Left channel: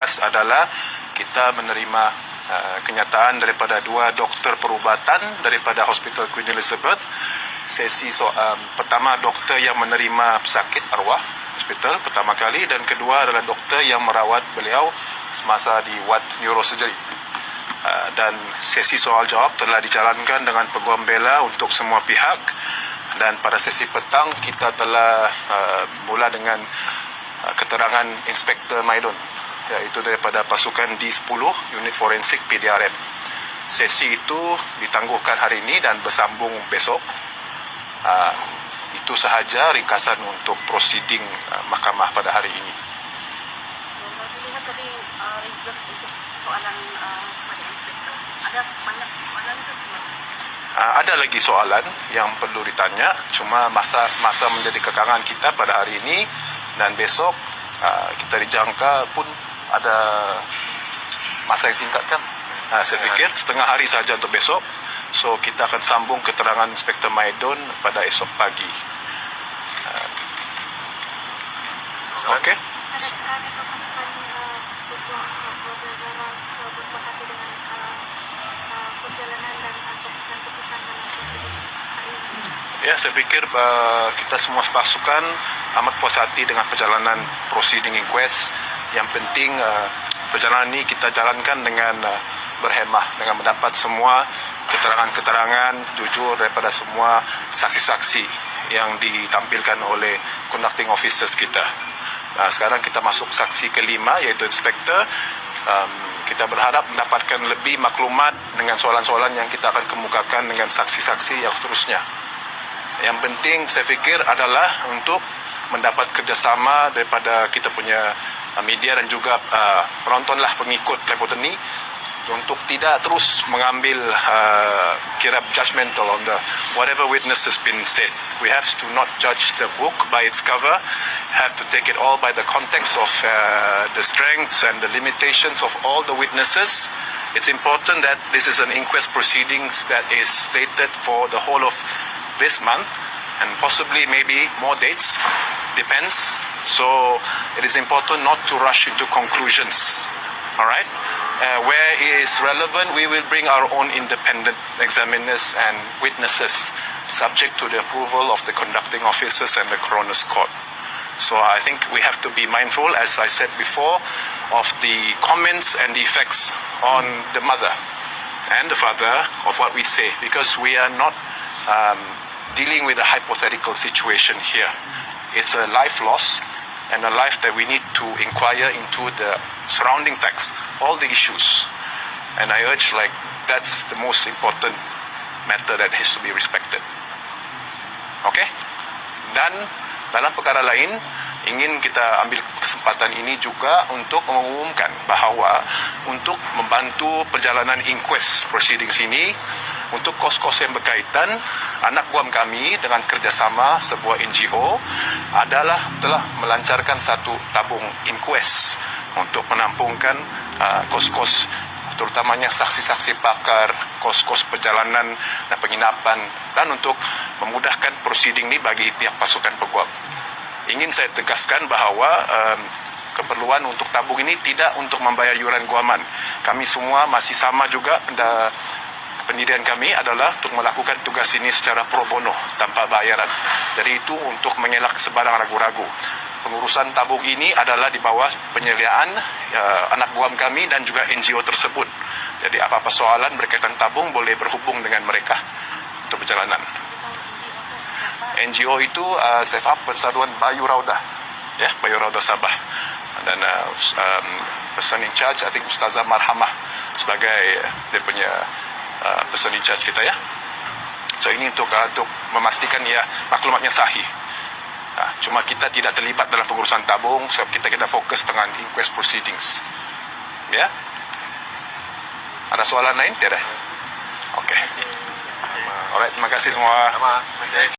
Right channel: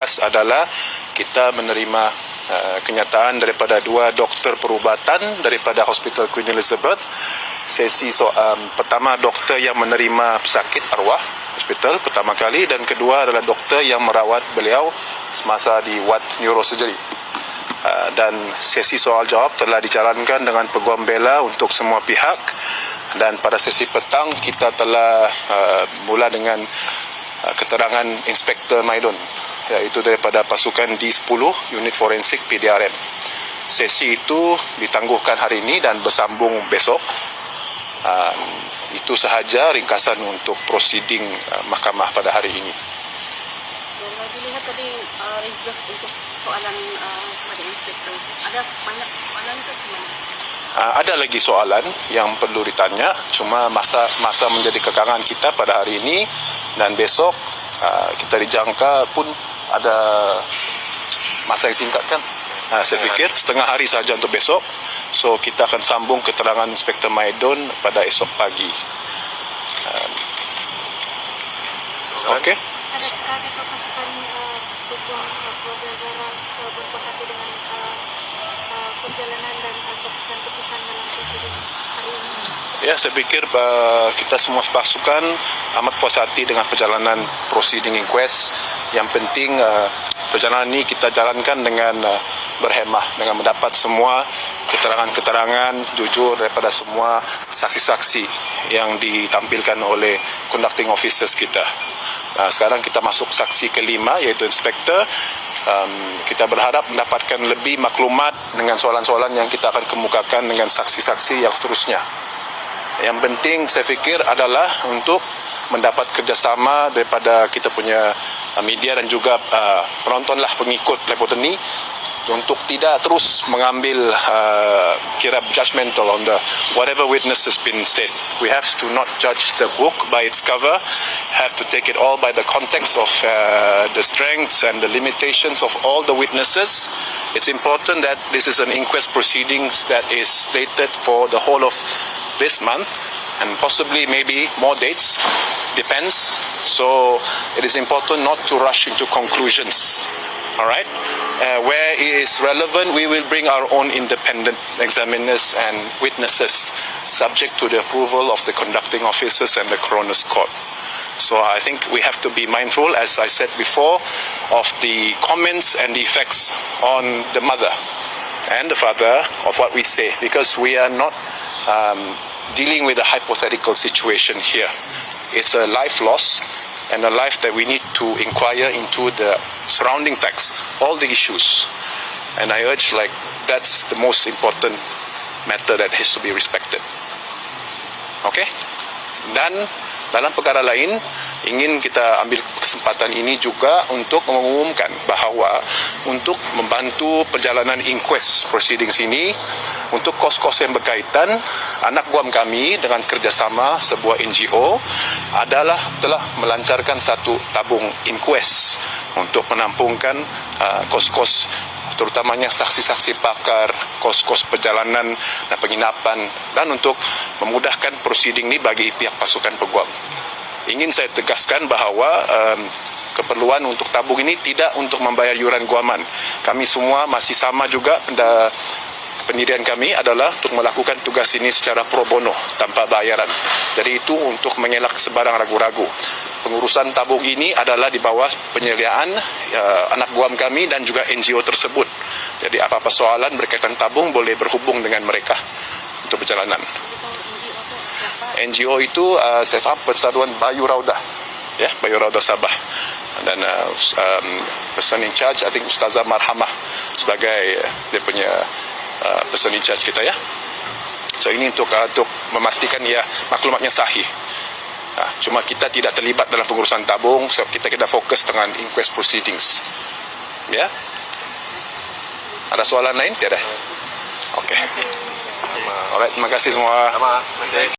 adalah kita menerima kenyataan daripada dua doktor perubatan daripada Hospital Queen Elizabeth. Sesi pertama doktor yang menerima pesakit arwah hospital pertama kali, dan kedua adalah doktor yang merawat beliau semasa di ward neurosurgery. Dan sesi soal jawab telah dijalankan dengan peguam bela untuk semua pihak, dan pada sesi petang kita telah mula dengan keterangan Inspektor Maidon, iaitu daripada pasukan D10 unit forensik PDRM. Sesi itu ditangguhkan hari ini dan bersambung besok. Itu sahaja ringkasan untuk prosiding mahkamah pada hari ini. Kalau dilihat tadi reserve untuk soalan kepada inspektor, ada banyak soalan ke gimana? Ada lagi soalan yang perlu ditanya, cuma masa menjadi kekangan kita pada hari ini, dan besok kita dijangka pun ada masa yang singkat kan. Saya fikir setengah hari saja untuk besok. So kita akan sambung keterangan Inspektor Maidon pada esok pagi. Okey. Adakah pasukan peguam negara berpuas hati dengan perjalanan dan keputusan dalam prosedur hari ini? Ya, saya fikir kita semua pasukan amat puas hati dengan perjalanan proceeding inquest. Yang penting perjalanan ini kita jalankan dengan berhemah, dengan mendapat semua keterangan-keterangan jujur daripada semua saksi-saksi yang ditampilkan oleh conducting officers kita. Sekarang kita masuk saksi kelima, iaitu inspektor. Kita berharap mendapatkan lebih maklumat dengan soalan-soalan yang kita akan kemukakan dengan saksi-saksi yang seterusnya. Yang penting saya fikir adalah untuk mendapat kerjasama daripada kita punya media dan juga penontonlah, pengikut Lepoten ni, untuk tidak terus mengambil kira judgmental on the whatever witness has been said. We have to not judge the book by its cover, have to take it all by the context of the strengths and the limitations of all the witnesses. It's important that this is an inquest proceedings that is slated for the whole of this month, and possibly maybe more dates, depends. So it is important not to rush into conclusions. All right. Where it is relevant, we will bring our own independent examiners and witnesses, subject to the approval of the conducting officers and the coroner's court. So I think we have to be mindful, as I said before, of the comments and the effects on the mother and the father of what we say, because we are not dealing with a hypothetical situation here. It's a life loss, and a life that we need to inquire into the surrounding facts, all the issues. And I urge, that's the most important matter that has to be respected. Okay? Dan dalam perkara lain, ingin kita ambil kesempatan ini juga untuk mengumumkan bahawa untuk membantu perjalanan inquest proceedings ini, untuk kos-kos yang berkaitan, anak guam kami dengan kerjasama sebuah NGO telah melancarkan satu tabung inquest untuk menampungkan kos-kos, terutamanya saksi-saksi pakar, kos-kos perjalanan dan penginapan, dan untuk memudahkan proceeding ini bagi pihak pasukan peguam. Ingin saya tegaskan bahawa keperluan untuk tabung ini tidak untuk membayar yuran guaman. Kami semua masih sama juga, pendirian kami adalah untuk melakukan tugas ini secara pro bono, tanpa bayaran. Jadi itu untuk mengelak sebarang ragu-ragu. Pengurusan tabung ini adalah di bawah penyediaan anak guam kami dan juga NGO tersebut. Jadi apa-apa soalan berkaitan tabung boleh berhubung dengan mereka untuk perjalanan. NGO itu saya faham Persatuan Bayu Raudah, ya, Bayu Raudah Sabah, dan person in charge, I think Ustazah Marhamah sebagai dia punya person in charge kita, ya. So ini untuk memastikan ya maklumatnya sahih. Cuma kita tidak terlibat dalam pengurusan tabung, sebab kita fokus dengan inquest proceedings. Ya. Ada soalan lain? Tiada. Okey. Alright, terima kasih semua.